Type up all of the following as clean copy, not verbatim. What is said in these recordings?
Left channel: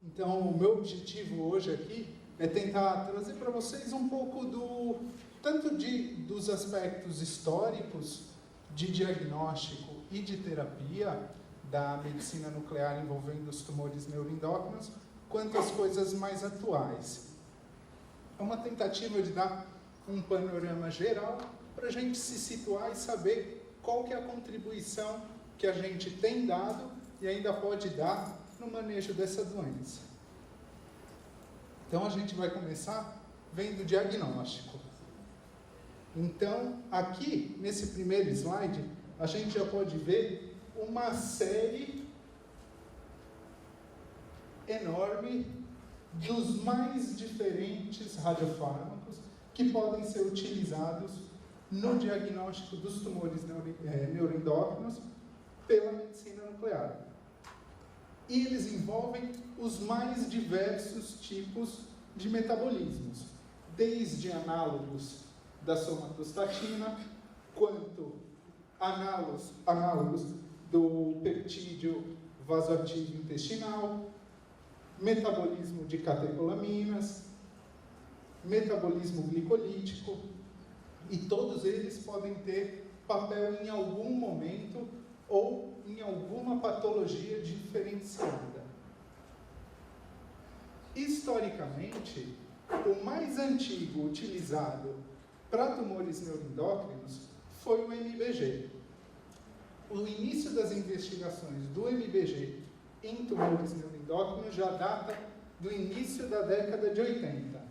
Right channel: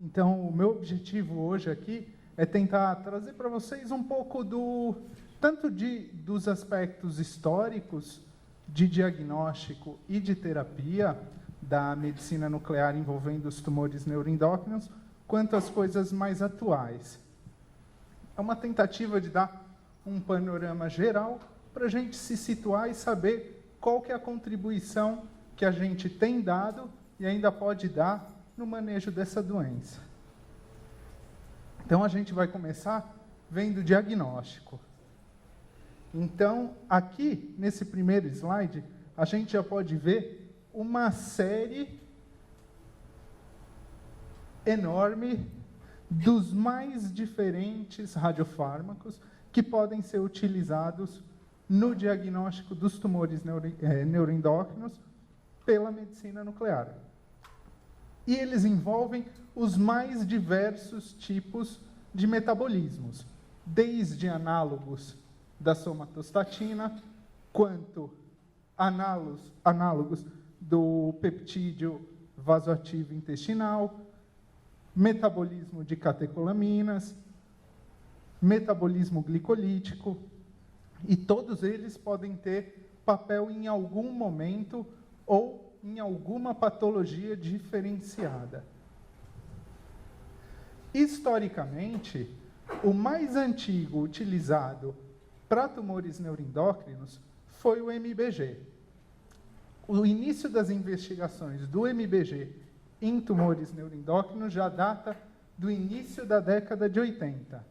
Então, o meu objetivo hoje aqui é tentar trazer para vocês um pouco dos aspectos históricos de diagnóstico e de terapia da medicina nuclear envolvendo os tumores neuroendócrinos, quanto as coisas mais atuais. É uma tentativa de dar um panorama geral para a gente se situar e saber qual que é a contribuição que a gente tem dado e ainda pode dar no manejo dessa doença. Então, a gente vai começar vendo o diagnóstico. Então, aqui, nesse primeiro slide, a gente já pode ver uma série enorme dos mais diferentes radiofármacos que podem ser utilizados no diagnóstico dos tumores neuroendócrinos pela medicina nuclear. E eles envolvem os mais diversos tipos de metabolismos, desde análogos da somatostatina, quanto análogos do peptídeo vasoativo intestinal, metabolismo de catecolaminas, metabolismo glicolítico, e todos eles podem ter papel em algum momento ou em alguma patologia diferenciada. Historicamente, o mais antigo utilizado para tumores neuroendócrinos foi o MBG. O início das investigações do MBG em tumores neuroendócrinos já data do início da década de 80.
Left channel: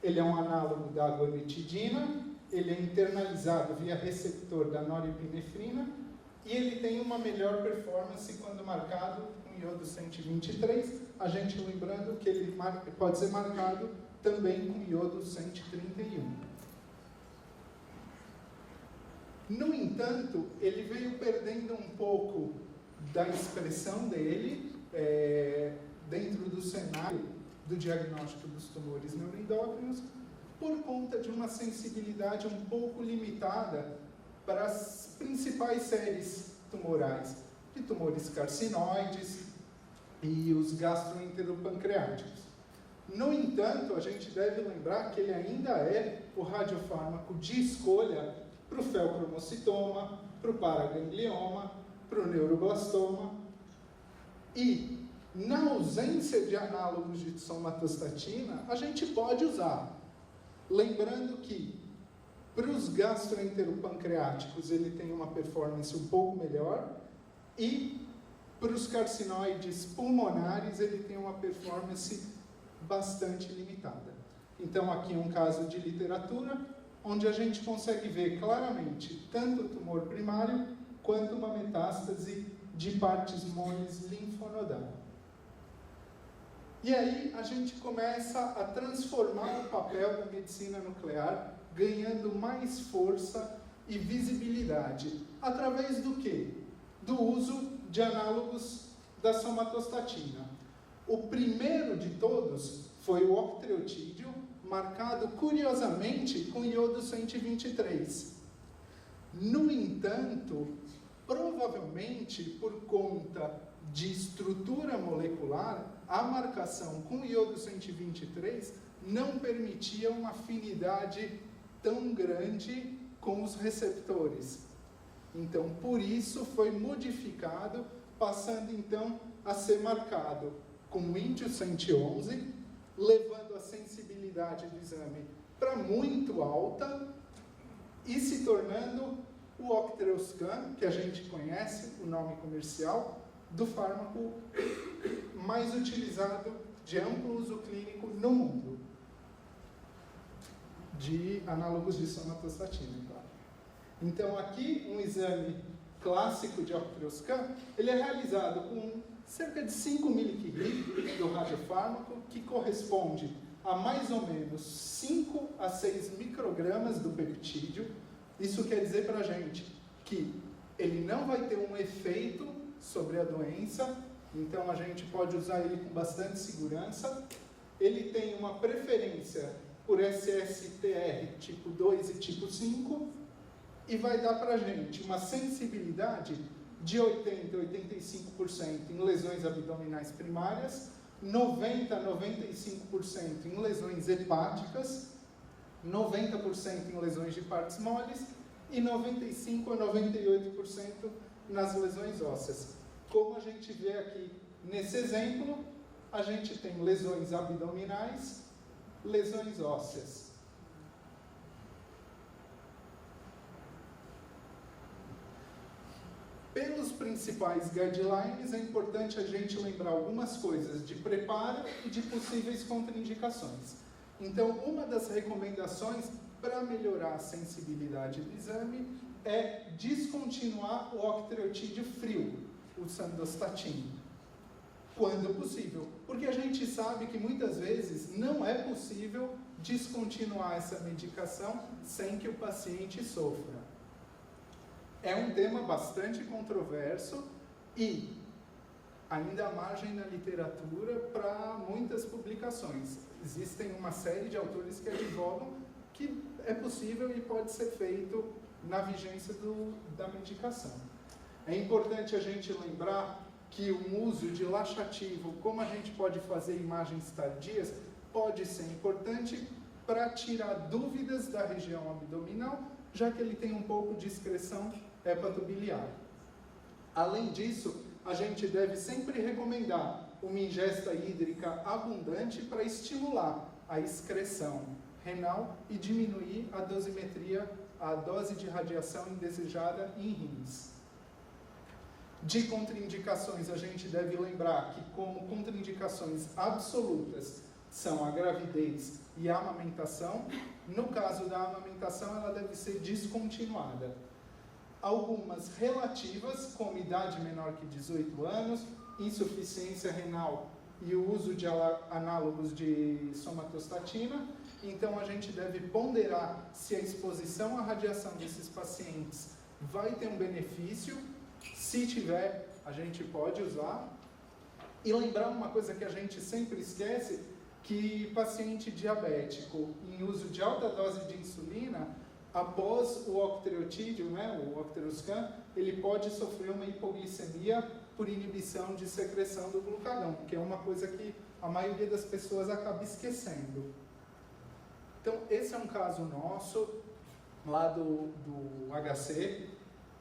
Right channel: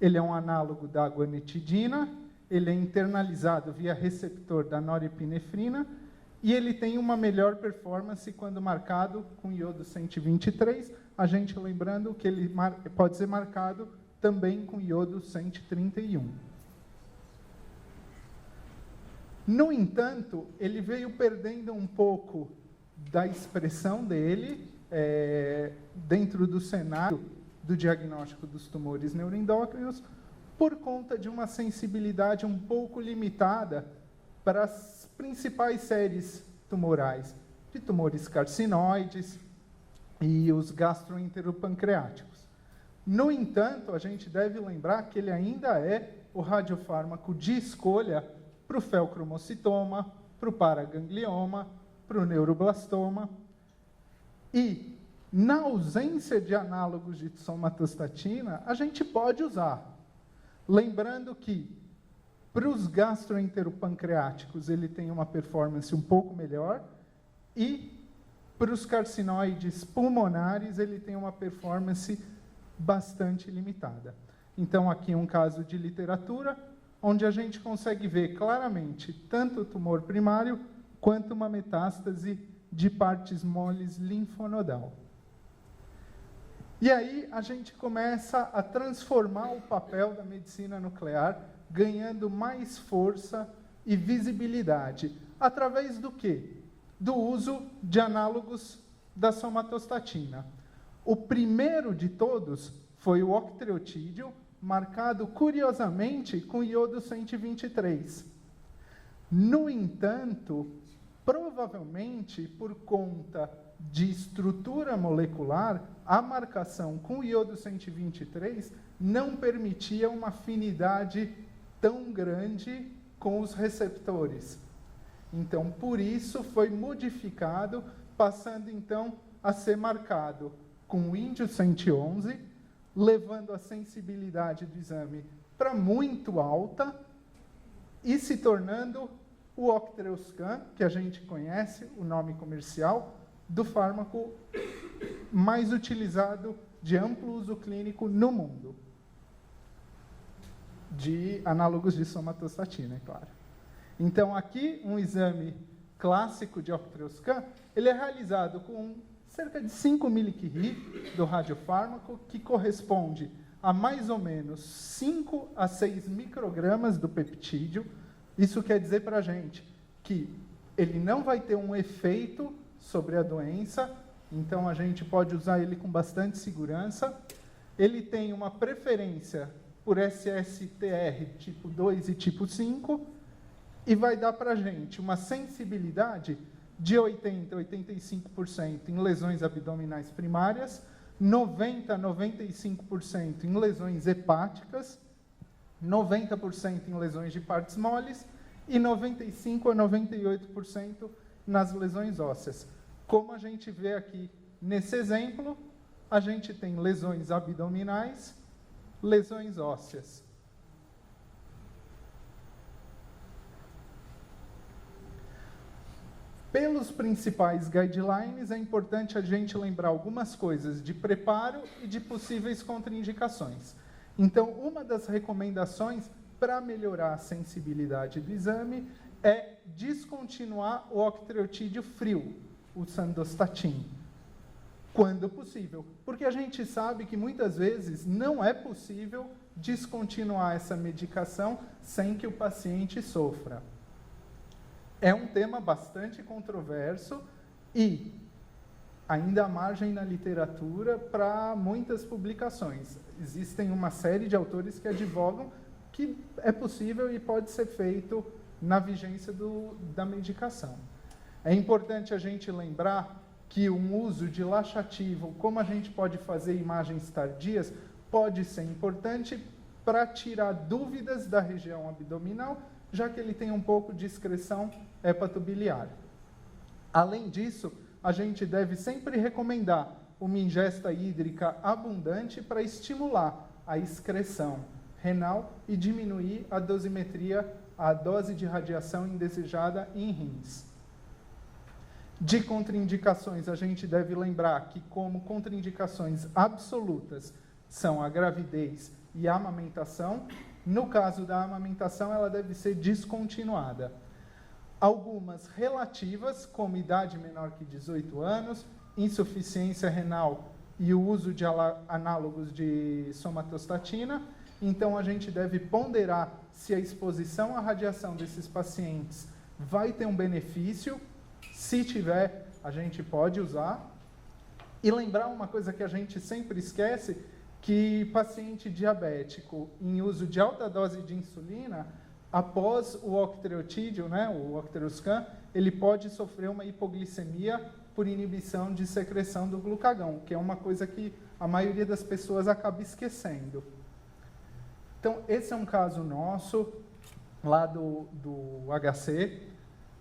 Ele é um análogo da guanetidina, ele é internalizado via receptor da norepinefrina e ele tem uma melhor performance quando marcado com iodo 123, a gente lembrando que ele pode ser marcado também com iodo 131. No entanto, ele veio perdendo um pouco da expressão dele dentro do cenário do diagnóstico dos tumores neuroendócrinos por conta de uma sensibilidade um pouco limitada para as principais séries tumorais, de tumores carcinoides e os gastroenteropancreáticos. No entanto, a gente deve lembrar que ele ainda é o radiofármaco de escolha para o feocromocitoma, para o paraganglioma, para o neuroblastoma. E, na ausência de análogos de somatostatina, a gente pode usar. Lembrando que, para os gastroenteropancreáticos, ele tem uma performance um pouco melhor, e para os carcinoides pulmonares, ele tem uma performance bastante limitada. Então, aqui é um caso de literatura, onde a gente consegue ver claramente tanto o tumor primário, quanto uma metástase de partes moles linfonodal. E aí a gente começa a transformar o papel da medicina nuclear, ganhando mais força e visibilidade. Através do quê? Do uso de análogos da somatostatina. O primeiro de todos foi o octreotídeo, marcado curiosamente com iodo 123. No entanto, provavelmente por conta de estrutura molecular, a marcação com iodo 123 não permitia uma afinidade tão grande com os receptores. Então, por isso, foi modificado, passando então a ser marcado com o índio 111, levando a sensibilidade do exame para muito alta e se tornando o Octreoscan, que a gente conhece, o nome comercial, do fármaco mais utilizado de amplo uso clínico no mundo, de análogos de somatostatina, é claro. Então, aqui, um exame clássico de Octreoscan, ele é realizado com cerca de 5 mCi do radiofármaco, que corresponde a mais ou menos 5 a 6 microgramas do peptídeo. Isso quer dizer para a gente que ele não vai ter um efeito sobre a doença, então a gente pode usar ele com bastante segurança. Ele tem uma preferência por SSTR tipo 2 e tipo 5, e vai dar para a gente uma sensibilidade de 80% a 85% em lesões abdominais primárias, 90% a 95% em lesões hepáticas, 90% em lesões de partes moles e 95% a 98% nas lesões ósseas. Como a gente vê aqui nesse exemplo, a gente tem lesões abdominais, lesões ósseas. Pelos principais guidelines, é importante a gente lembrar algumas coisas de preparo e de possíveis contraindicações. Então, uma das recomendações para melhorar a sensibilidade do exame é descontinuar o octreotídeo frio, o sandostatin, quando possível. Porque a gente sabe que muitas vezes não é possível descontinuar essa medicação sem que o paciente sofra. É um tema bastante controverso e ainda há margem na literatura para muitas publicações. Existem uma série de autores que advogam que é possível e pode ser feito na vigência da medicação. É importante a gente lembrar que um uso de laxativo, como a gente pode fazer imagens tardias, pode ser importante para tirar dúvidas da região abdominal, já que ele tem um pouco de excreção hepatobiliar. Além disso, a gente deve sempre recomendar uma ingesta hídrica abundante para estimular a excreção renal e diminuir a dosimetria, a dose de radiação indesejada em rins. De contraindicações, a gente deve lembrar que, como contraindicações absolutas, são a gravidez e a amamentação. No caso da amamentação, ela deve ser descontinuada. Algumas relativas, como idade menor que 18 anos, insuficiência renal e o uso de análogos de somatostatina. Então, a gente deve ponderar se a exposição à radiação desses pacientes vai ter um benefício. Se tiver, a gente pode usar. E lembrar uma coisa que a gente sempre esquece, que paciente diabético em uso de alta dose de insulina, após o octreotídeo, o octreoscan, ele pode sofrer uma hipoglicemia por inibição de secreção do glucagão, que é uma coisa que a maioria das pessoas acaba esquecendo. Então, esse é um caso nosso, lá do HC.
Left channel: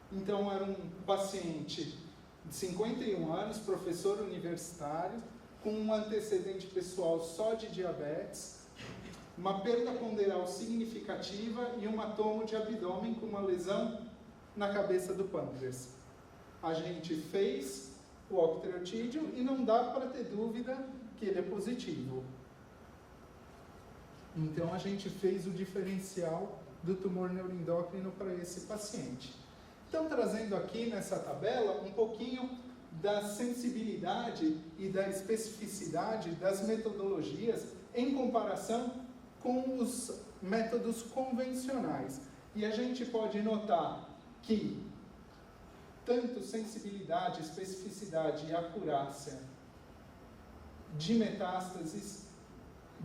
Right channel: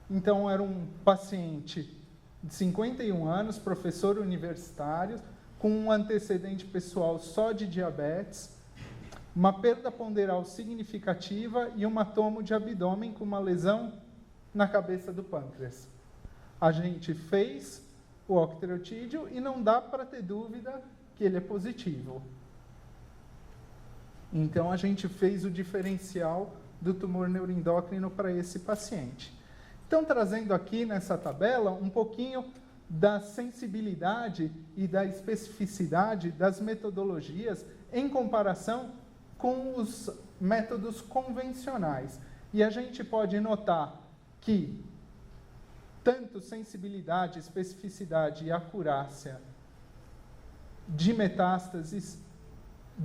Então, era um paciente de 51 anos, professor universitário, com um antecedente pessoal só de diabetes, uma perda ponderal significativa e um hematomo de abdômen com uma lesão na cabeça do pâncreas. A gente fez o octreotídeo e não dá para ter dúvida que ele é positivo. Então, a gente fez o diferencial do tumor neuroendócrino para esse paciente. Então, trazendo aqui nessa tabela um pouquinho da sensibilidade e da especificidade das metodologias em comparação com os métodos convencionais. E a gente pode notar que tanto sensibilidade, especificidade e acurácia de metástases,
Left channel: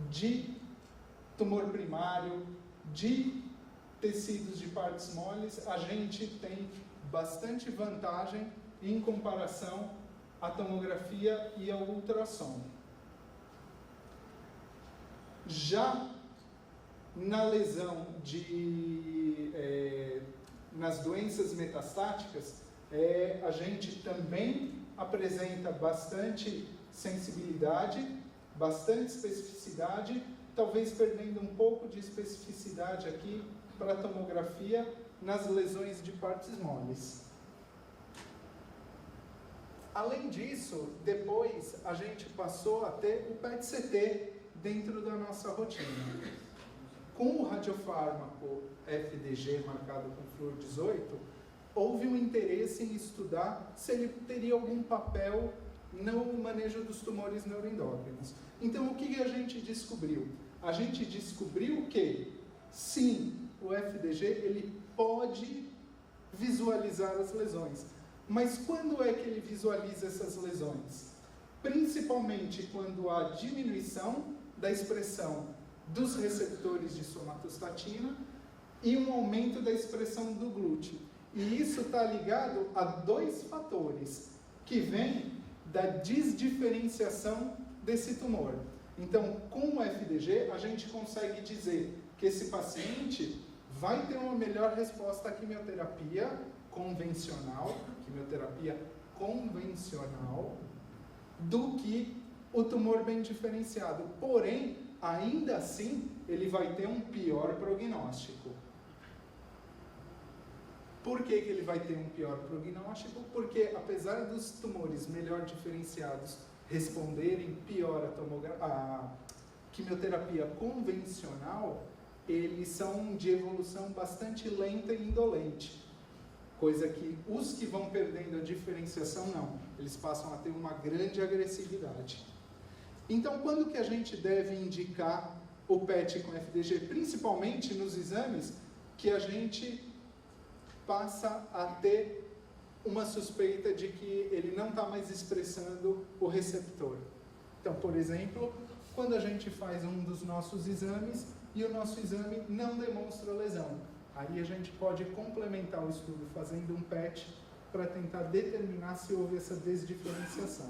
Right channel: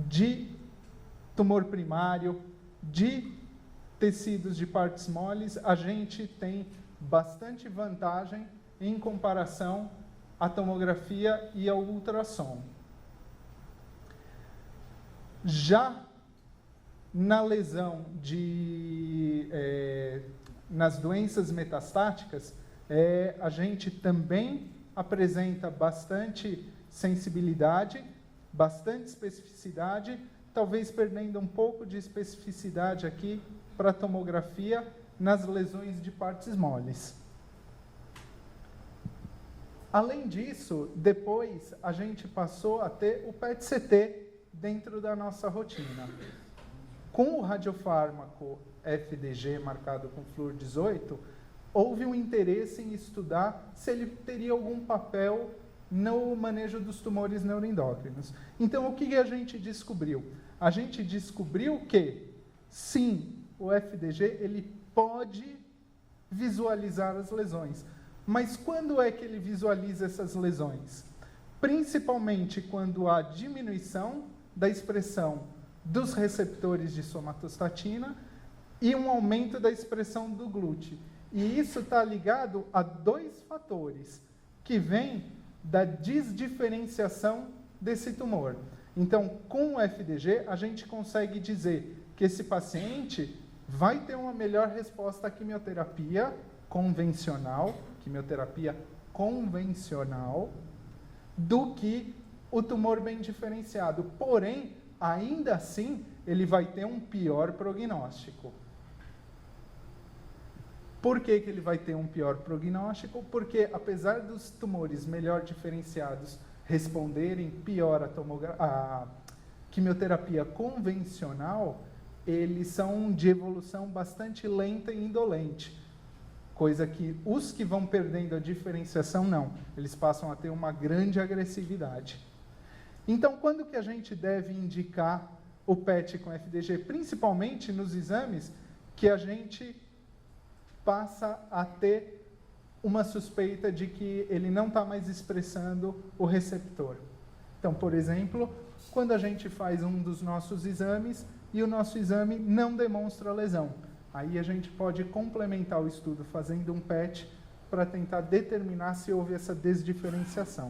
de tumor primário, de tecidos de partes moles, a gente tem bastante vantagem em comparação à tomografia e ao ultrassom. Já na lesão nas doenças metastáticas, a gente também apresenta bastante sensibilidade, bastante especificidade, talvez perdendo um pouco de especificidade aqui para a tomografia nas lesões de partes moles. Além disso, depois a gente passou a ter o PET-CT dentro da nossa rotina. Com o radiofármaco FDG marcado com flúor 18, houve um interesse em estudar se ele teria algum papel no manejo dos tumores neuroendócrinos. Então, o que a gente descobriu? A gente descobriu que, sim, o FDG ele pode visualizar as lesões. Mas quando é que ele visualiza essas lesões? Principalmente quando há diminuição da expressão dos receptores de somatostatina e um aumento da expressão do GLUT. E isso está ligado a dois fatores que vêm da desdiferenciação desse tumor. Então, com o FDG, a gente consegue dizer que esse paciente vai ter uma melhor resposta à quimioterapia convencional, do que o tumor bem diferenciado. Porém, ainda assim, ele vai ter um pior prognóstico. Por que ele vai ter um pior prognóstico? Porque, apesar dos tumores melhor diferenciados responderem pior à quimioterapia convencional, eles são de evolução bastante lenta e indolente. Coisa que os que vão perdendo a diferenciação, não. Eles passam a ter uma grande agressividade. Então, quando que a gente deve indicar o PET com FDG? Principalmente nos exames que a gente passa a ter uma suspeita de que ele não está mais expressando o receptor. Então, por exemplo, quando a gente faz um dos nossos exames e o nosso exame não demonstra lesão. Aí a gente pode complementar o estudo fazendo um PET para tentar determinar se houve essa desdiferenciação.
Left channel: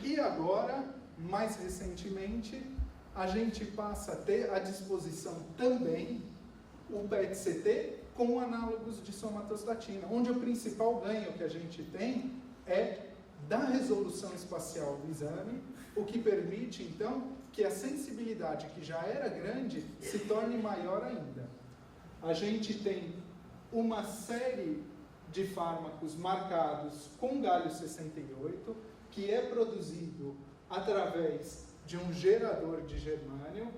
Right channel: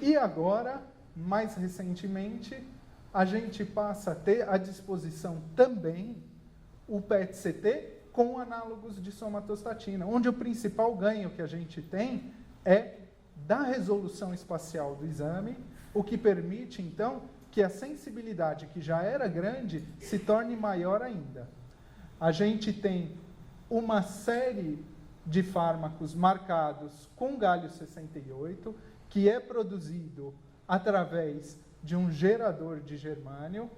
E agora, mais recentemente, a gente passa a ter à disposição também o PET-CT com análogos de somatostatina, onde o principal ganho que a gente tem é da resolução espacial do exame, o que permite, então, que a sensibilidade, que já era grande, se torne maior ainda. A gente tem uma série de fármacos marcados com galho 68, que é produzido através de um gerador de germânio,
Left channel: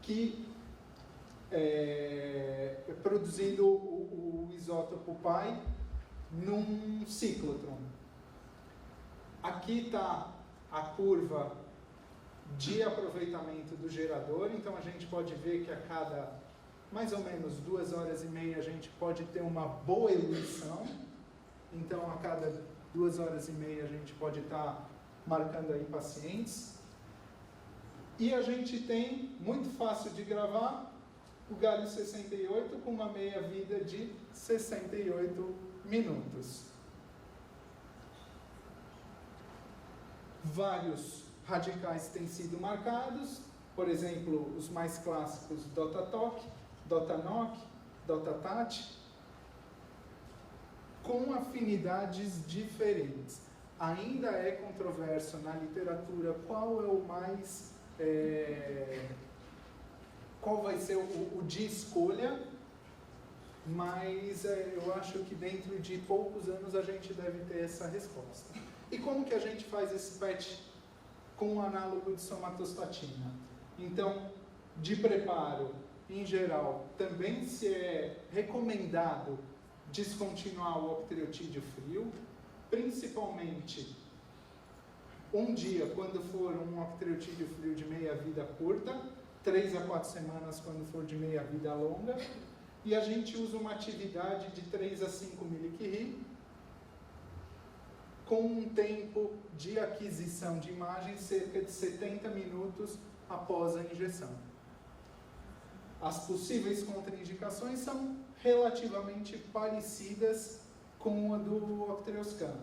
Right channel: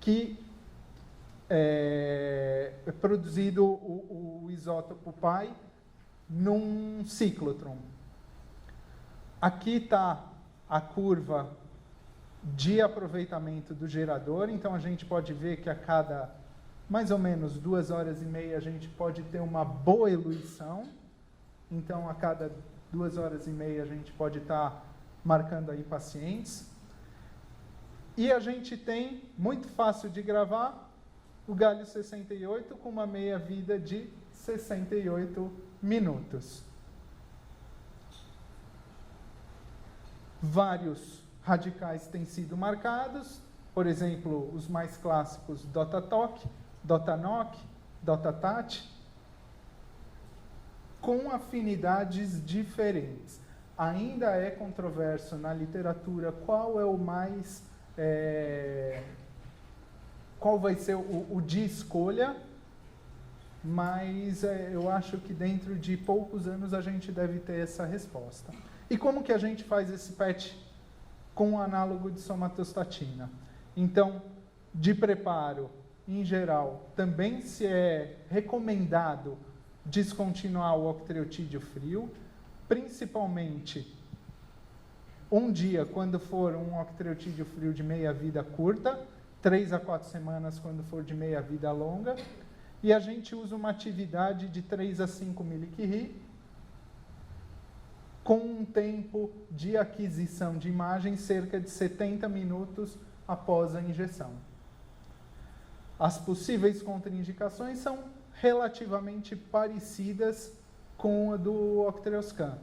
que é produzido o isótopo pi num ciclotron. Aqui está a curva de aproveitamento do gerador, então a gente pode ver que a cada mais ou menos 2 horas e meia a gente pode ter uma boa eluição. Então, a cada 2 horas e meia a gente pode estar marcando aí pacientes. E a gente tem, muito fácil de gravar, o galho 68 com uma meia-vida de 68 minutos. Vários radicais têm sido marcados, por exemplo, os mais clássicos DOTA-TOC, DOTA-NOC, DOTA-TAT, com afinidades diferentes. Ainda é controverso na literatura qual é o mais... qual vai ser o de escolha, mas eu acho que dentro de poucos anos a gente deve ter essa resposta. E como que a gente faz esse PET com o análogo de somatostatina? Então, de preparo, em geral, também se é recomendado descontinuar o octreotídeo frio, principalmente um dia quando for um octreotídeo frio de meia-vida curta, 3 a 4 semanas quando for de meia-vida longa, e a gente usa uma atividade de 3 a 5 mCi, com um tempo de aquisição de imagem cerca de 70 minutos após a injeção. As possíveis contraindicações são relativamente parecidas com a do Octreoscan,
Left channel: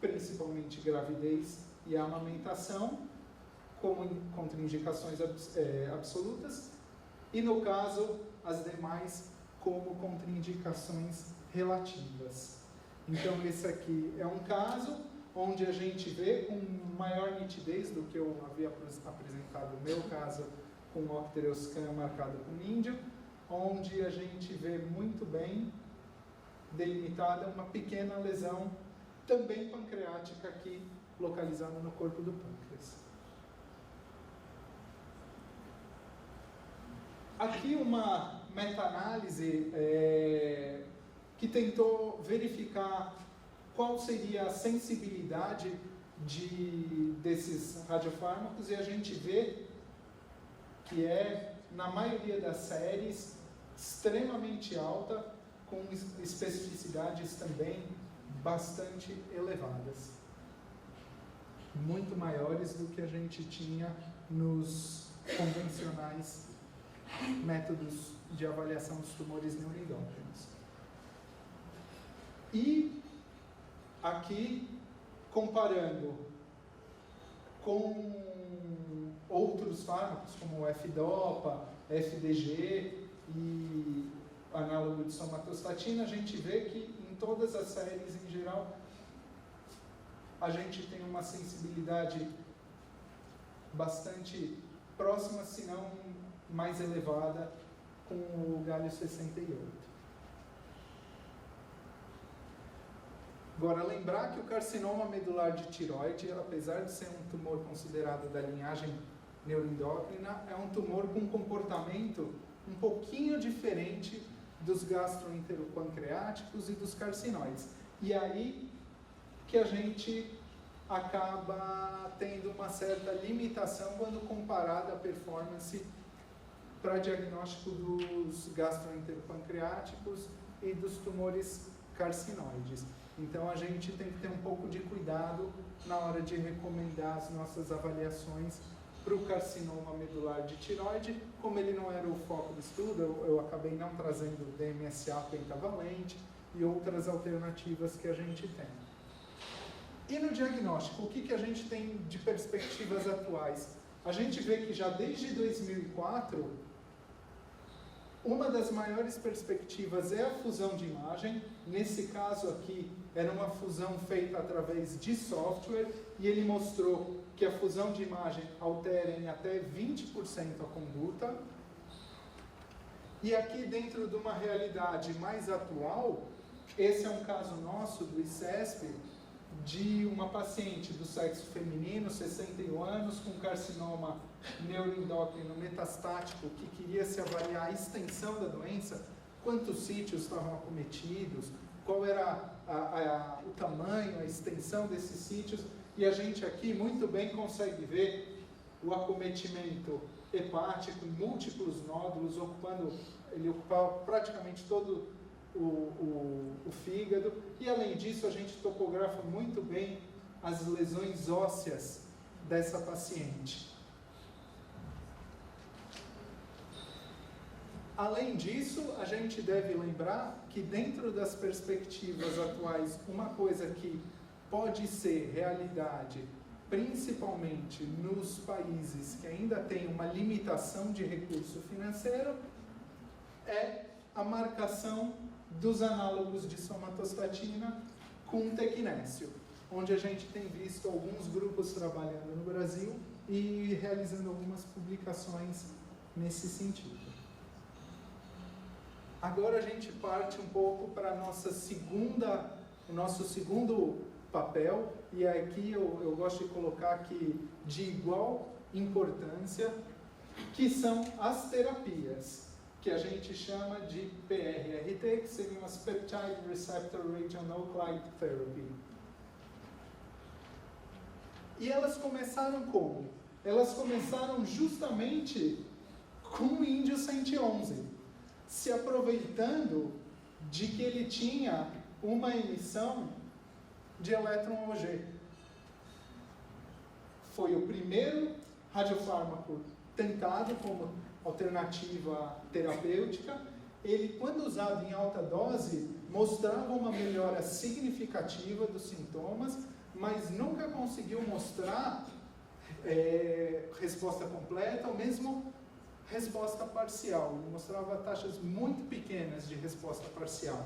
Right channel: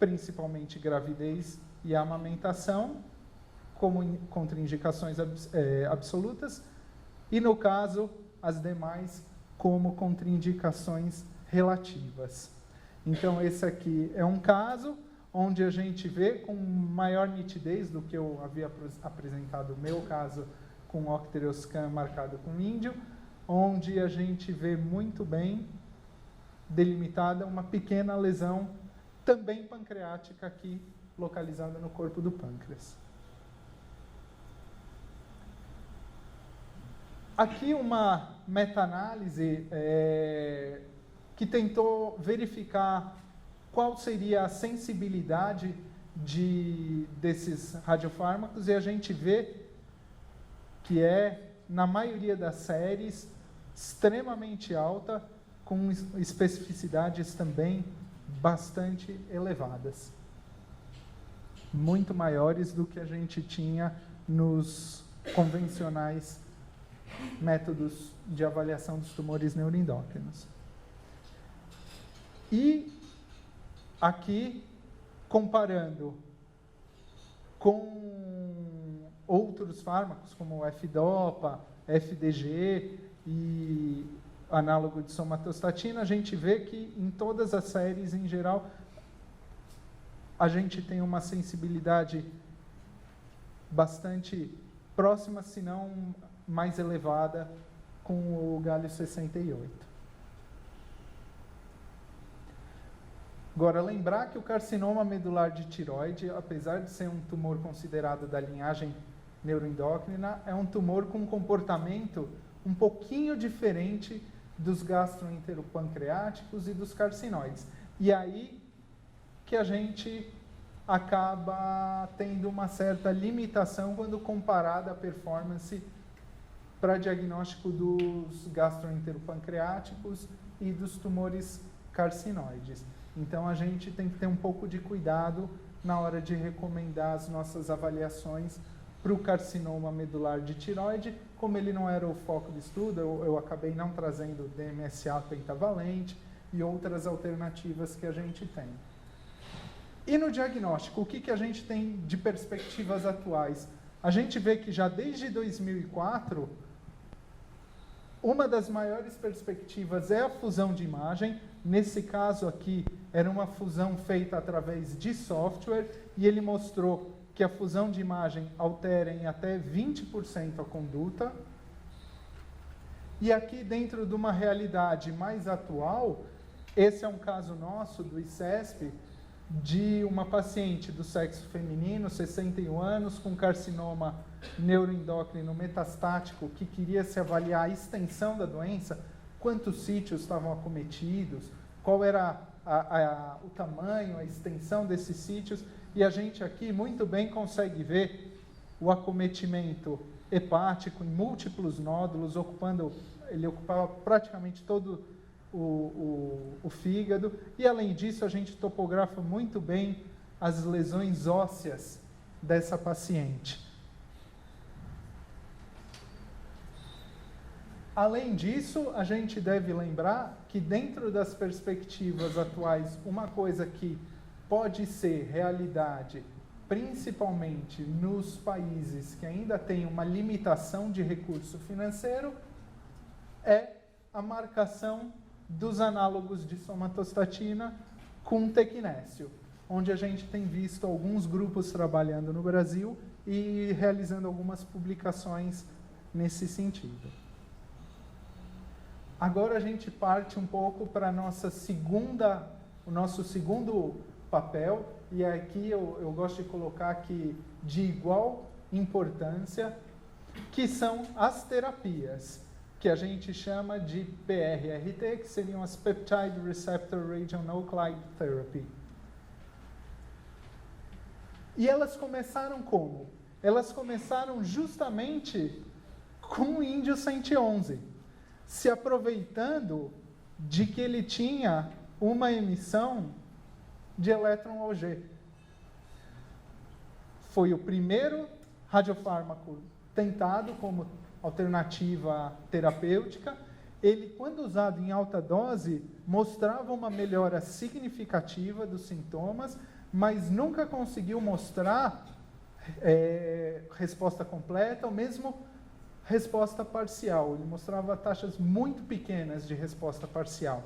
principalmente gravidez e amamentação, como contraindicações absolutas, e no caso, as demais como contraindicações relativas. Então, esse aqui é um caso onde a gente vê com maior nitidez do que eu havia apresentado o meu caso com o Octreoscan marcado com índio, onde a gente vê muito bem delimitada uma pequena lesão, também pancreática aqui, localizada no corpo do pâncreas. Aqui uma meta-análise que tentou verificar qual seria a sensibilidade desses radiofármacos, e a gente vê que é, na maioria das séries, extremamente alta, com especificidades também bastante elevadas. Muito maiores do que a gente tinha nos convencionais métodos de avaliação dos tumores neuroendócrinos. E aqui, comparando com outros fármacos, como o F-DOPA, FDG e análogo de somatostatina, a gente vê que em todas as séries, em geral, a gente tem uma sensibilidade bastante próxima, se não mais elevada, com o galho 68. Agora, lembrar que o carcinoma medular de tireoide, apesar de ser um tumor considerado da linhagem neuroendócrina, é um tumor com um comportamento um pouquinho diferente dos gastroenteropancreáticos e dos carcinóides. E aí que a gente acaba tendo uma certa limitação quando comparada a performance para diagnóstico dos gastroenteropancreáticos e dos tumores carcinoides. Então, a gente tem que ter um pouco de cuidado na hora de recomendar as nossas avaliações para o carcinoma medular de tireoide. Como ele não era o foco do estudo, eu acabei não trazendo DMSA pentavalente e outras alternativas que a gente tem. E no diagnóstico, o que a gente tem de perspectivas atuais? A gente vê que já desde 2004, uma das maiores perspectivas é a fusão de imagem. Nesse caso aqui, era uma fusão feita através de software, e ele mostrou que a fusão de imagem altera em até 20% a conduta. E aqui, dentro de uma realidade mais atual, esse é um caso nosso do ICESP, de uma paciente do sexo feminino, 61 anos, com carcinoma neuroendócrino metastático, que queria se avaliar a extensão da doença, quantos sítios estavam acometidos, qual era o tamanho, a extensão desses sítios, e a gente aqui muito bem consegue ver o acometimento hepático em múltiplos nódulos, ele ocupava praticamente todo o fígado, e além disso a gente topografa muito bem as lesões ósseas dessa paciente. Além disso, a gente deve lembrar que dentro das perspectivas atuais, uma coisa que pode ser realidade, principalmente nos países que ainda têm uma limitação de recurso financeiro, é a marcação dos análogos de somatostatina com tecnécio, onde a gente tem visto alguns grupos trabalhando no Brasil e realizando algumas publicações nesse sentido. Agora a gente parte um pouco para o nosso segundo papel, e aqui eu gosto de colocar aqui de igual importância, que são as terapias, que a gente chama de PRRT, que seriam as Peptide Receptor Radionuclide Therapy. E elas começaram como? Elas começaram justamente com o índio 111, se aproveitando de que ele tinha uma emissão de elétron Auger. Foi o primeiro radiofármaco tentado como alternativa terapêutica. Ele, quando usado em alta dose, mostrava uma melhora significativa dos sintomas, mas nunca conseguiu mostrar resposta completa, ou mesmo resposta parcial. Ele mostrava taxas muito pequenas de resposta parcial.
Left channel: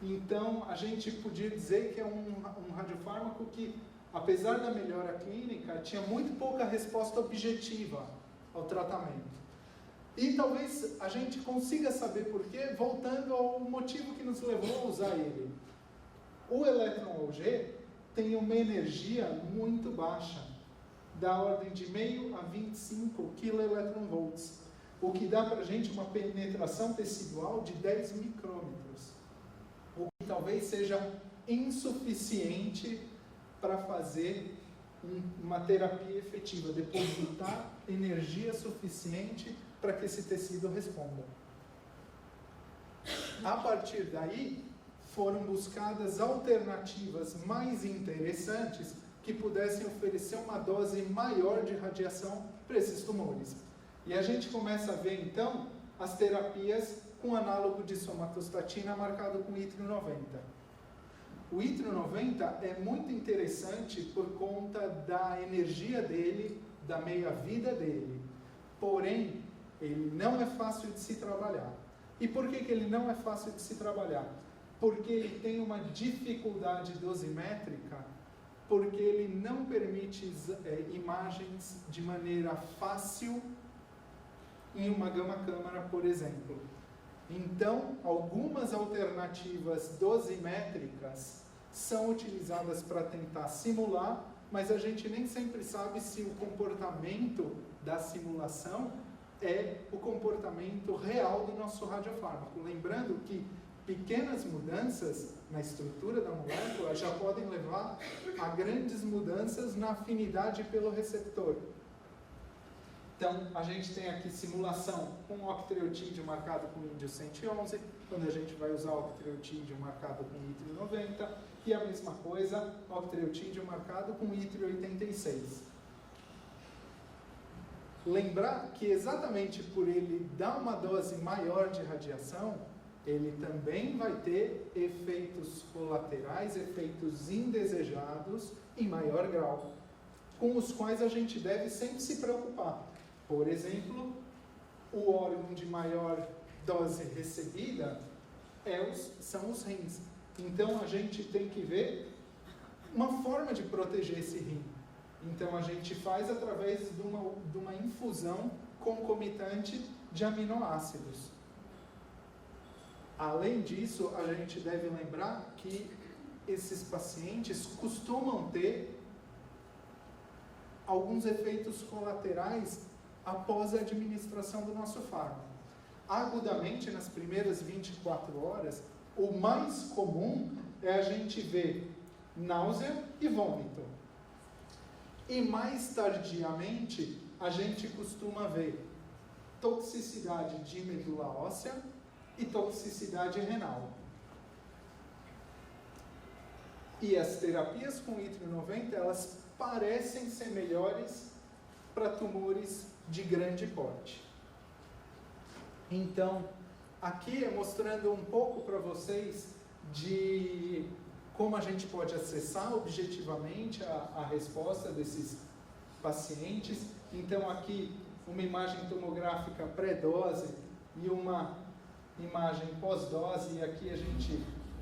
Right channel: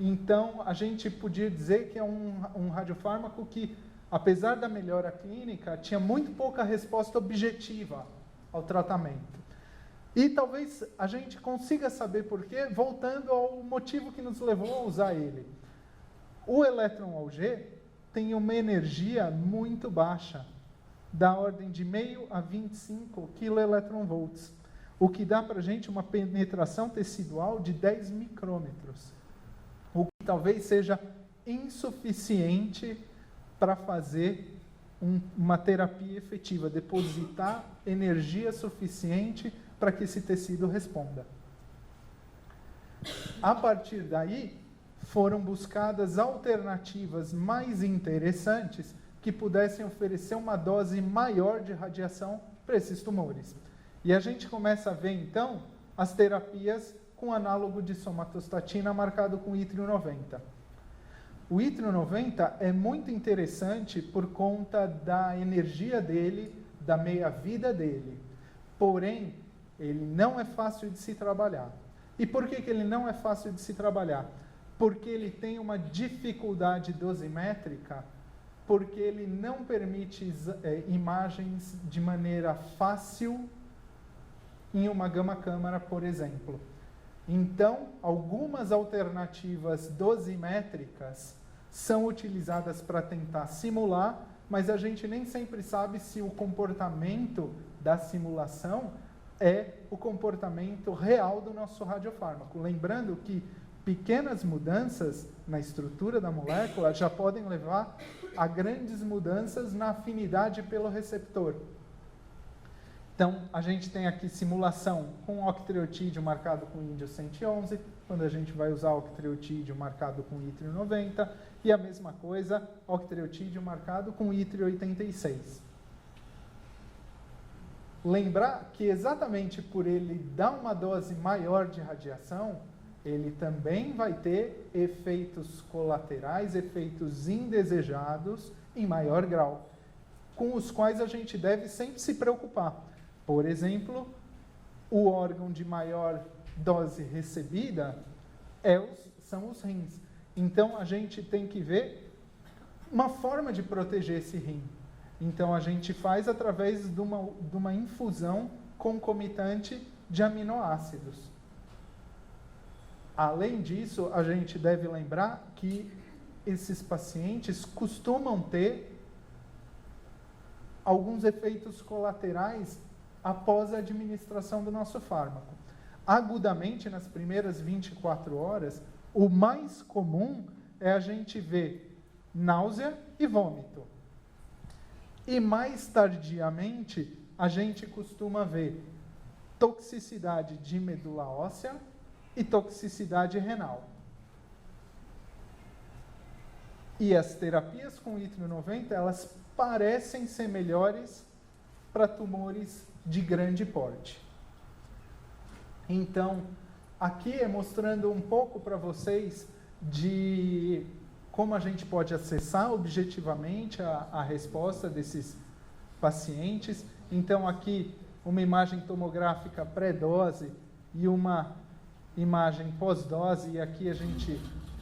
Então, a gente podia dizer que é um radiofármaco que, apesar da melhora clínica, tinha muito pouca resposta objetiva ao tratamento. E talvez a gente consiga saber por quê, voltando ao motivo que nos levou a usar ele. O elétron Auger tem uma energia muito baixa, da ordem de 0,5 a 25 kV, o que dá para a gente uma penetração tecidual de 10 micrômetros, o que talvez seja insuficiente para fazer uma terapia efetiva, depositar energia suficiente para que esse tecido responda. A partir daí, foram buscadas alternativas mais interessantes que pudessem oferecer uma dose maior de radiação para esses tumores. E a gente começa a ver, então, as terapias com análogo de somatostatina marcado com yttrium 90. O Yttrium 90 é muito interessante por conta da energia dele, da meia-vida dele. Porém, ele não é fácil de se trabalhar. E por que ele não é fácil de se trabalhar? Porque ele tem uma dificuldade dosimétrica, porque ele não permite imagens de maneira fácil em uma gama-câmara, por exemplo. Então, algumas alternativas dosimétricas são utilizadas para tentar simular, mas a gente nem sempre sabe se o comportamento da simulação é o comportamento real do nosso radiofármaco. Lembrando que pequenas mudanças na estrutura da molécula já podem levar a grandes mudanças na afinidade pelo receptor. Então, a gente tem aqui simulação com octreotídeo marcado com índio 111, quando a gente vai usar octreotídeo marcado com Yttrium 90, e a mesma coisa, octreotídeo marcado com Yttrium 86. Lembrar que exatamente por ele dar uma dose maior de radiação, ele também vai ter efeitos colaterais, efeitos indesejados em maior grau, com os quais a gente deve sempre se preocupar. Por exemplo, o órgão de maior dose recebida são os rins. Então, a gente tem que ver uma forma de proteger esse rim. Então, a gente faz através de uma infusão concomitante de aminoácidos. Além disso, a gente deve lembrar que esses pacientes costumam ter alguns efeitos colaterais após a administração do nosso fármaco. Agudamente, nas primeiras 24 horas, o mais comum é a gente ver náusea e vômito. E mais tardiamente, a gente costuma ver toxicidade de medula óssea e toxicidade renal. E as terapias com Yttrium 90, elas parecem ser melhores para tumores de grande porte. Então, aqui é mostrando um pouco para vocês de como a gente pode acessar objetivamente a resposta desses pacientes. Então, aqui uma imagem tomográfica pré-dose e uma imagem pós-dose, e aqui a gente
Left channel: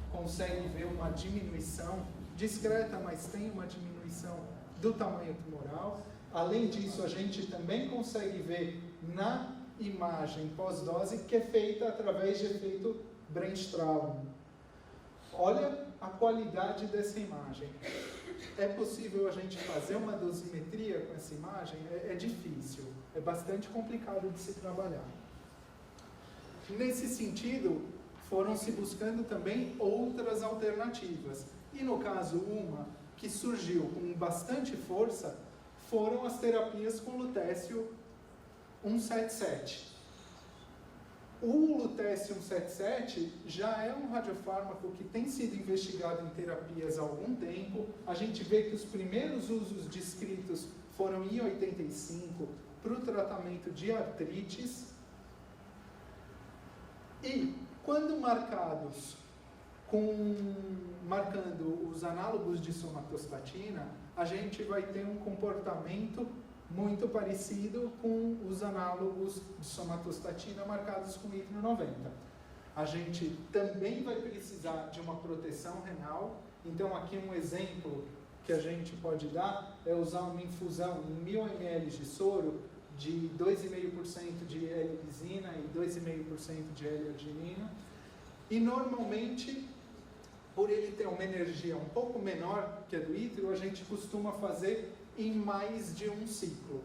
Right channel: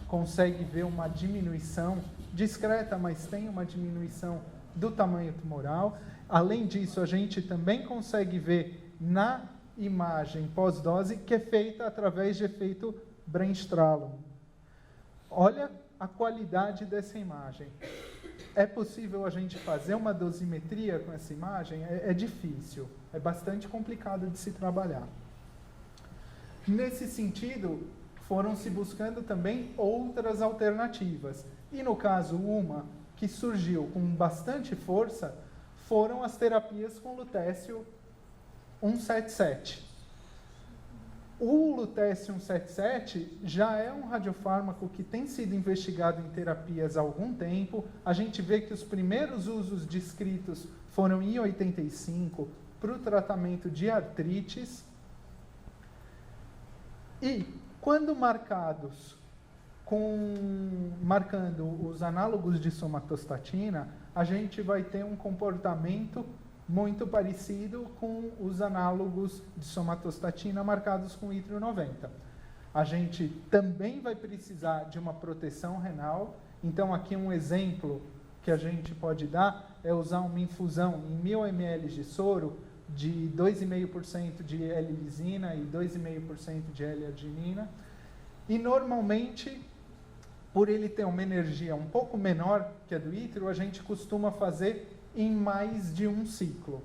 consegue ver uma diminuição discreta, mas tem uma diminuição do tamanho tumoral. Além disso, a gente também consegue ver na imagem pós-dose que é feita através de efeito Bremsstrahlung. Olha a qualidade dessa imagem. É possível a gente fazer uma dosimetria com essa imagem? É difícil, é bastante complicado de se trabalhar. Nesse sentido, foram se buscando também outras alternativas. E no caso, uma que surgiu com bastante força foram as terapias com lutécio 177. O lutécio 177 já é um radiofármaco que tem sido investigado em terapias há algum tempo. A gente vê que os primeiros usos descritos foram em 85 para o tratamento de artrites. E quando marcando os análogos de somatostatina, a gente vai ter um comportamento muito parecido com os análogos de somatostatina marcados com Yttrium 90. A gente também vai precisar de uma proteção renal. Então, aqui um exemplo que a gente pode dar é usar uma infusão em 1000 ml de soro de 2,5% de L-lisina e 2,5% de L-arginina. E, normalmente, por ele ter uma energia um pouco menor que a do Yttrium, a gente costuma fazer em mais de um ciclo.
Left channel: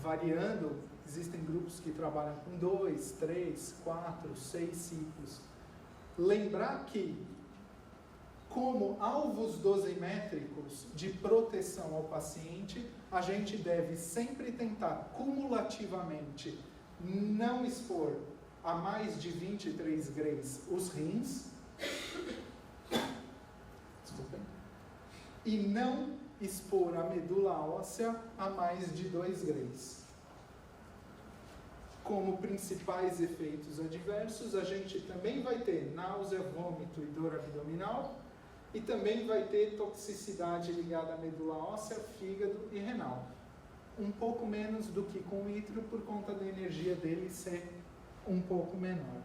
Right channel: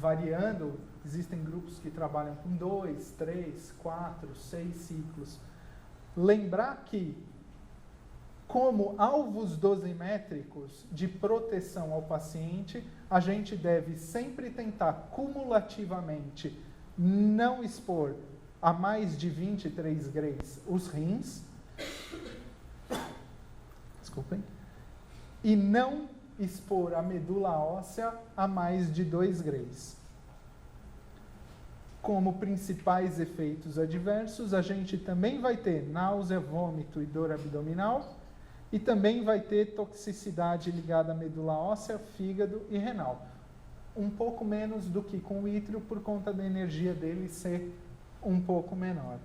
Variando, existem grupos que trabalham com 2, 3, 4, 6 ciclos. Lembrar que, como alvos dosimétricos de proteção ao paciente, a gente deve sempre tentar cumulativamente não expor a mais de 23 grays os rins, desculpem, e não expor a medula óssea a mais de 2 grays. como principais efeitos adversos, a gente também vai ter náusea, vômito e dor abdominal, e também vai ter toxicidade ligada à medula óssea, fígado e renal. Um pouco menos do que com o ítrio, por conta da energia dele ser um pouco menor.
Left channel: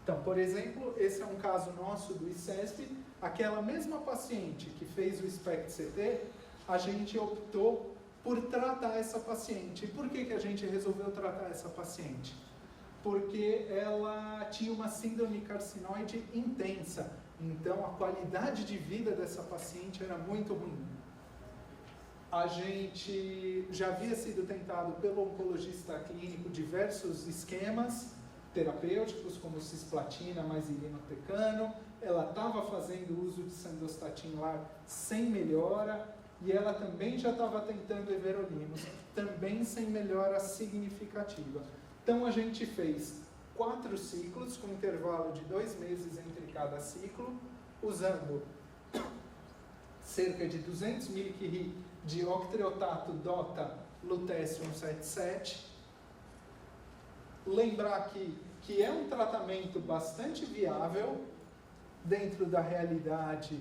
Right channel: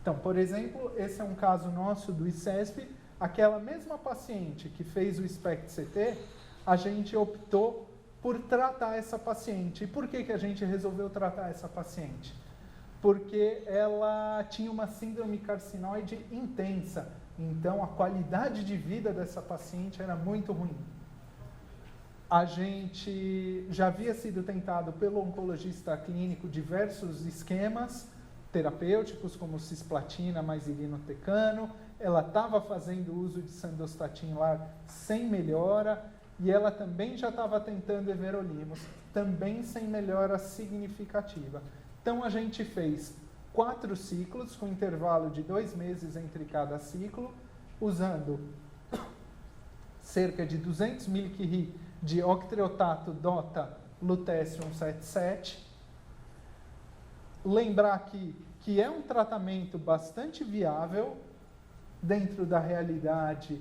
Então, por exemplo, esse é um caso nosso do ICESP. Aquela mesma paciente que fez o SPECT-CT, a gente optou por tratar essa paciente. E por que a gente resolveu tratar essa paciente? Porque ela tinha uma síndrome carcinoide intensa. Então, a qualidade de vida dessa paciente era muito ruim. A gente já havia sido tentado pelo oncologista clínico diversos esquemas terapêuticos, como cisplatina mais irinotecano. Ela estava fazendo uso de sandostatin lá sem melhora, e ela também já estava tentando everolimus, também sem melhora significativa. Então a gente fez 4 ciclos, com intervalo de 2 meses entre cada ciclo, usando cerca de 200 mg de octreotato DOTA lutécio 177. Lembrar aqui que é um tratamento bastante viável dentro da realidade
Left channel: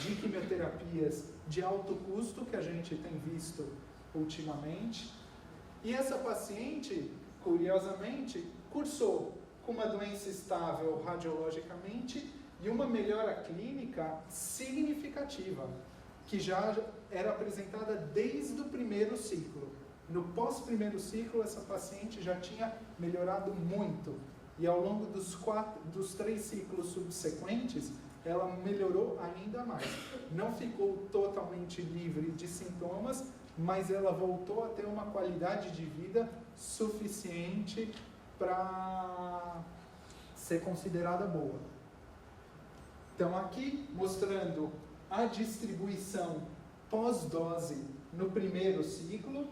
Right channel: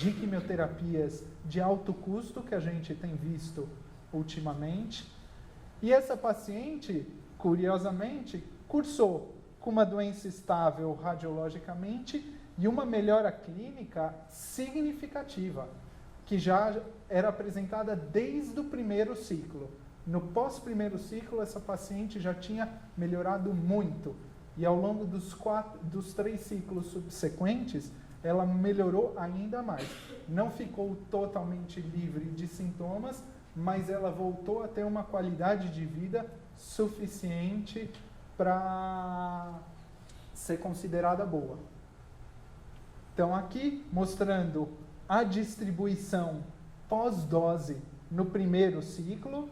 de quimioterapias de alto custo que a gente tem visto ultimamente. E essa paciente, curiosamente, cursou com uma doença estável radiologicamente e uma melhora clínica significativa, que já era apresentada desde o primeiro ciclo. No pós-primeiro ciclo, essa paciente já tinha melhorado muito. E ao longo dos 3 ciclos subsequentes, ela melhorou ainda mais. Não ficou totalmente livre de sintomas, mas ela voltou a ter uma qualidade de vida suficiente para ser considerada boa. Então, aqui mostrando a distribuição pós-dose no primeiro ciclo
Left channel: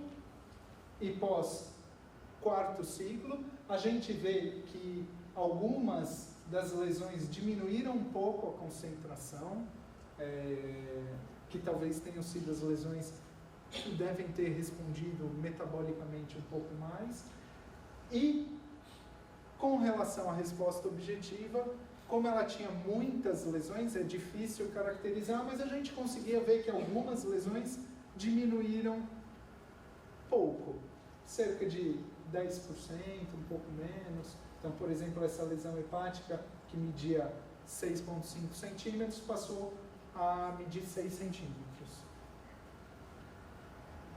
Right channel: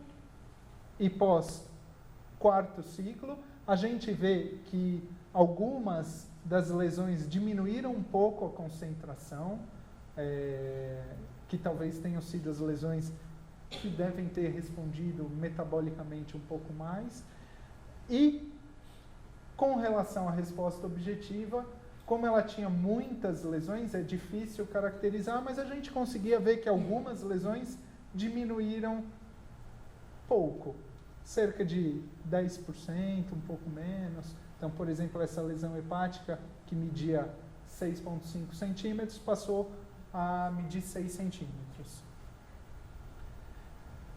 e pós-quarto ciclo, a gente vê que algumas das lesões diminuíram um pouco a concentração, que talvez tenham sido as lesões que devem ter respondido metabolicamente um pouco mais. E, com relação à resposta objetiva, como ela tinha muitas lesões, é difícil caracterizar, mas a gente conseguia ver que algumas lesões diminuíram pouco, cerca de 10%, um pouco menos. Então, por exemplo, essa lesão hepática, que media 6,5 centímetros, passou a medir 6 centímetros.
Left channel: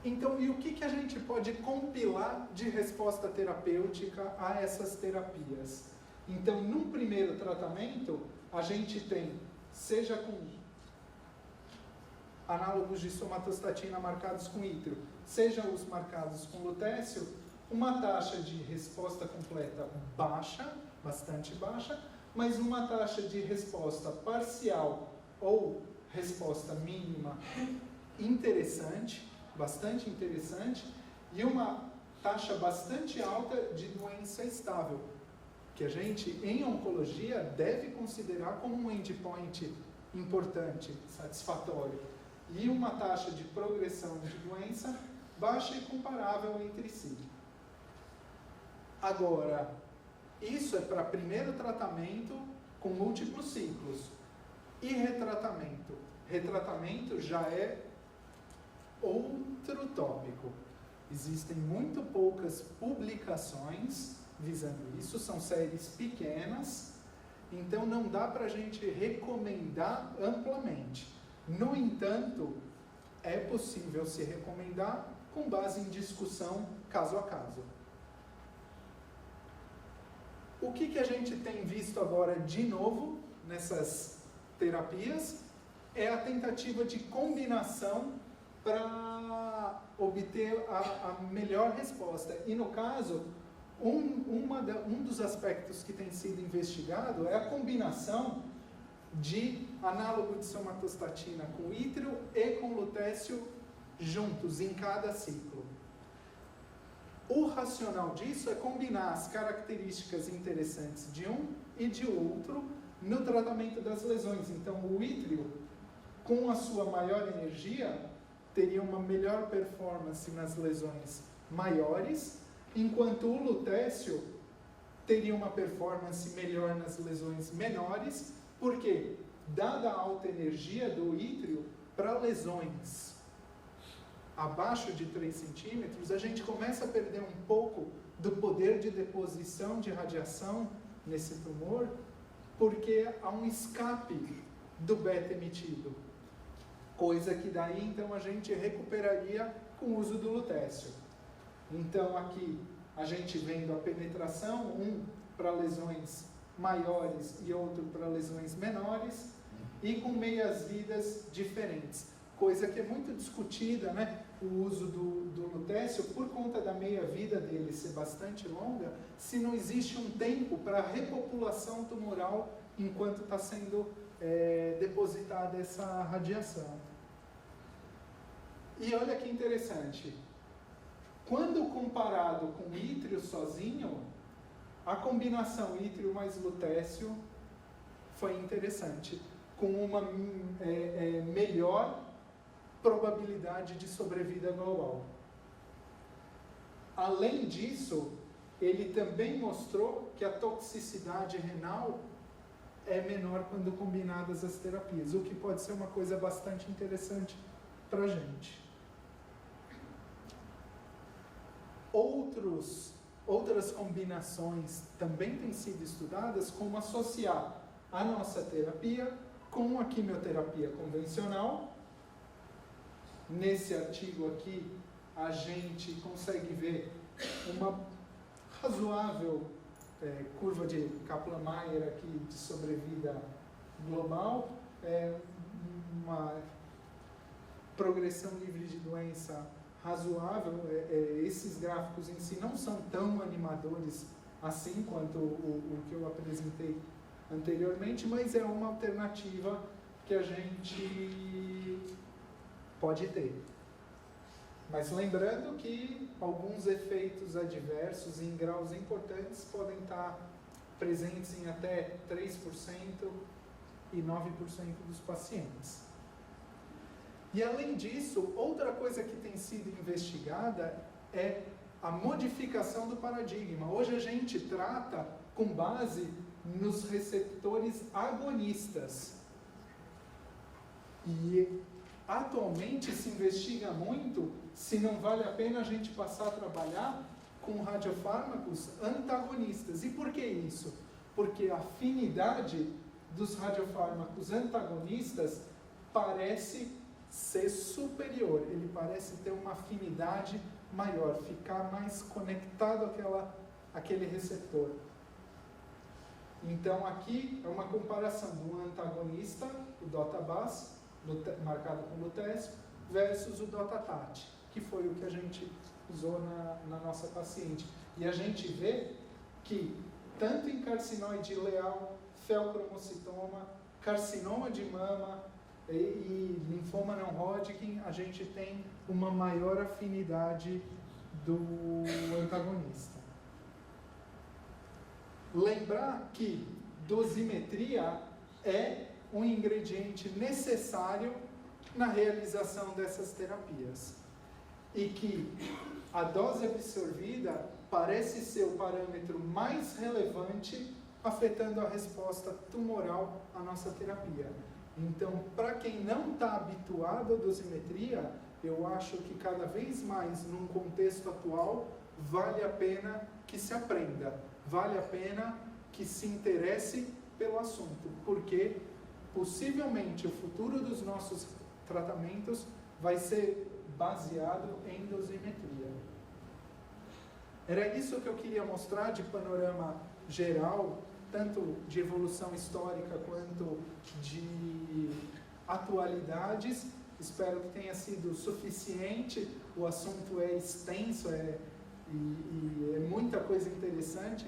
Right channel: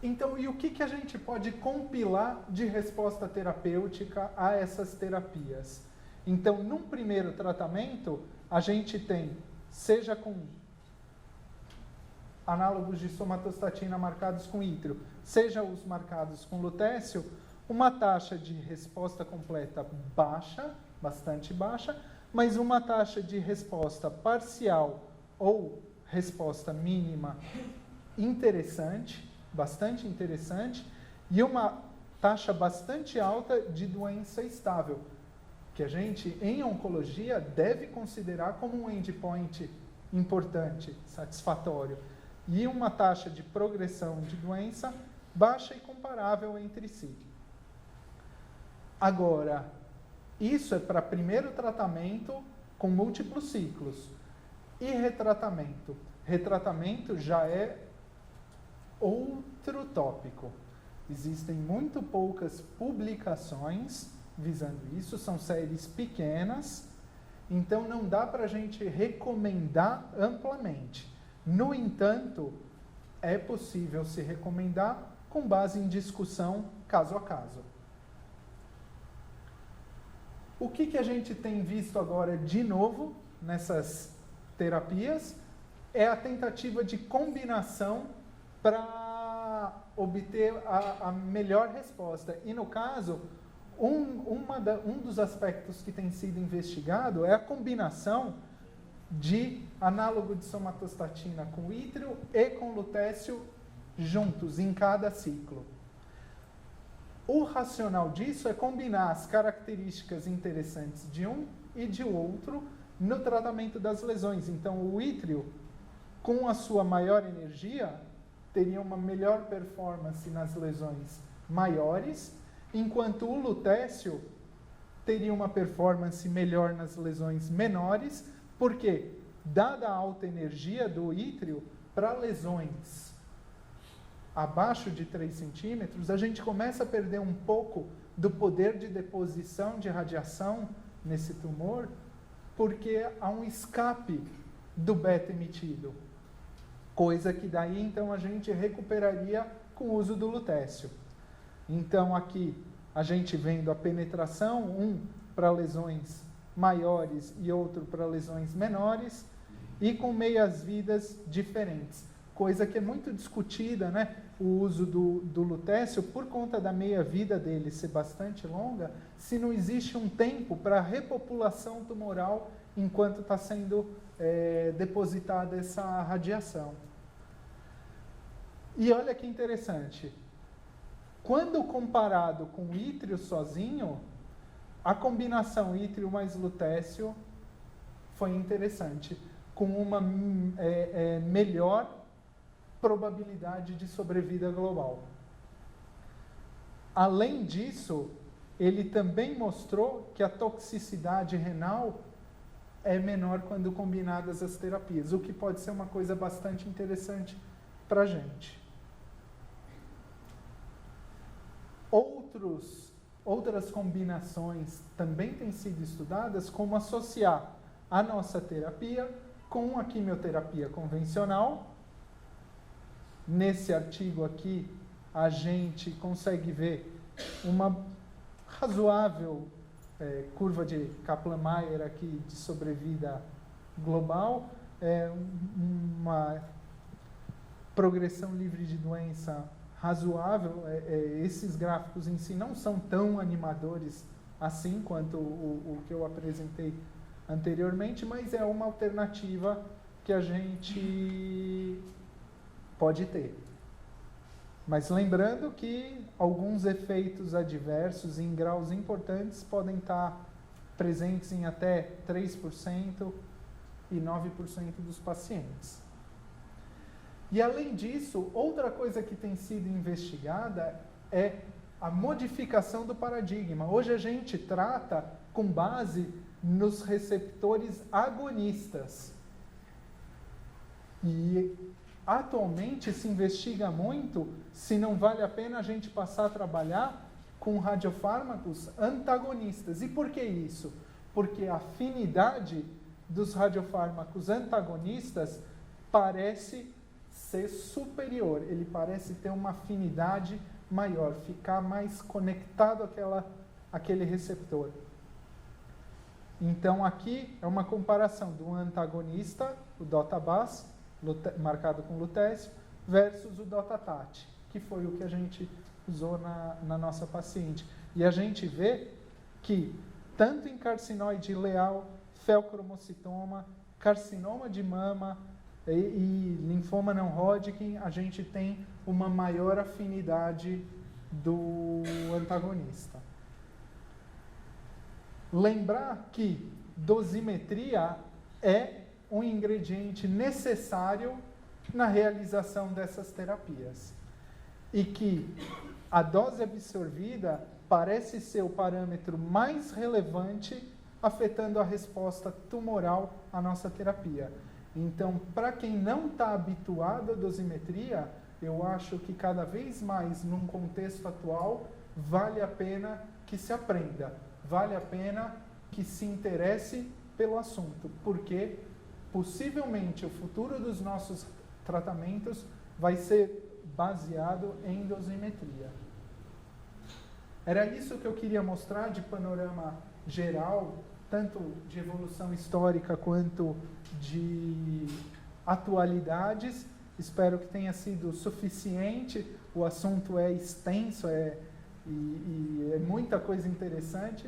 Então, e o que a gente pode compilar de resposta terapêutica a essas terapias? Então, num primeiro tratamento, a gente tem, seja com análogos de somatostatina marcados com ítrio, seja os marcados com lutécio, uma taxa de resposta completa baixa, bastante baixa, mas uma taxa de resposta parcial ou resposta mínima interessante, bastante interessante, e uma taxa bastante alta de doença estável, que a gente, em oncologia, deve considerar como um endpoint importante, satisfatório, e uma taxa de progressão de doença baixa e comparável entre si. Agora, isso é para primeiro tratamento com múltiplos ciclos. E retratamento? Retratamento já é outro tópico. Existem muito poucas publicações visando isso, são séries pequenas, então não dá para a gente recomendar amplamente. No entanto, é possível se recomendar com base em discussão caso a caso. O que a gente tem visto agora de novo nessas terapias é a tentativa de combinação para obter a melhor resposta. E no caso, um dos aspectos que tem sido investigado é a combinação de análogo de somatostatina com ítrio e com lutécio juntos em cada ciclo. O racional disso é combinar as características interessantes de um e de outro no tratamento das lesões. Então, o ítrio, com a sua maior energia, teria uma melhor performance nas lesões maiores, enquanto o lutécio teria uma performance melhor nas lesões menores, porque, dada a alta energia do ítrio, para lesões abaixo de 3 centímetros, a gente começa a perder um pouco do poder de deposição de radiação nesse tumor, porque há um escape do beta emitido, coisa que daí então a gente recuperaria com o uso do lutécio. Então aqui a gente vendo a penetração, um para lesões maiores e outro para lesões menores, e com meias-vidas diferentes, coisa que é muito discutida, né? O uso do lutécio, por conta da meia-vida dele ser bastante longa, se não existe um tempo para repopulação tumoral enquanto está sendo depositada essa radiação. E olha que interessante, quando comparado com ítrio sozinho, a combinação ítrio mais lutécio foi interessante, com uma melhor probabilidade de sobrevida global. Além disso, ele também mostrou que a toxicidade renal é menor quando combinadas as terapias, o que pode ser uma coisa bastante interessante para a gente. Outras combinações também têm sido estudadas, como associar a nossa terapia com a quimioterapia convencional. Nesse artigo aqui, a gente consegue ver uma razoável curva de Kaplan-Meier aqui de sobrevida global, uma progressão livre de doença razoável. Esses gráficos em si não são tão animadores assim quanto o que eu apresentei anteriormente, mas é uma alternativa que a gente pode ter. Mas lembrando que alguns efeitos adversos em graus importantes podem estar presentes em até 3% e 9% dos pacientes. E além disso, outra coisa que tem sido investigada é a modificação do paradigma. Hoje a gente trata com base nos receptores agonistas. E atualmente se investiga muito se não vale a pena a gente passar a trabalhar com radiofármacos antagonistas. E por que isso? Porque a afinidade dos radiofármacos antagonistas parece ser superior, ele parece ter uma afinidade maior, ficar mais conectado àquele receptor. Então aqui é uma comparação do antagonista, o DOTA-BAS, marcado com lutécio, versus o DOTA-TAT, que foi o que a gente usou na nossa paciente. E a gente vê que, tanto em carcinoide ileal, feocromocitoma, carcinoma de mama e linfoma não Hodgkin, a gente tem uma maior afinidade do antagonista. Lembrar que dosimetria é um ingrediente necessário na realização dessas terapias. E que a dose absorvida parece ser o parâmetro mais relevante afetando a resposta tumoral à nossa terapia. Então, para quem não está habituado à dosimetria, eu acho que cada vez mais, num contexto atual, vale a pena que se aprenda, vale a pena que se interesse pelo assunto, porque possivelmente o futuro dos nossos tratamentos vai ser baseado em dosimetria. Era isso que eu queria mostrar de panorama geral, tanto de evolução histórica quanto de atualidades. Espero que tenha sido suficiente. O assunto é extenso, e é muita coisa interessante,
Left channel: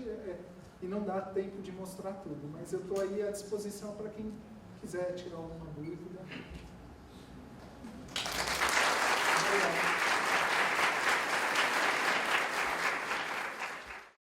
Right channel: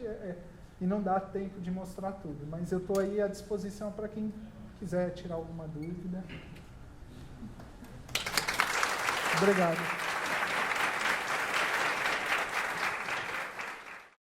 e não dá tempo de mostrar tudo. Mas eu estou aí à disposição para quem quiser tirar alguma dúvida. Obrigado.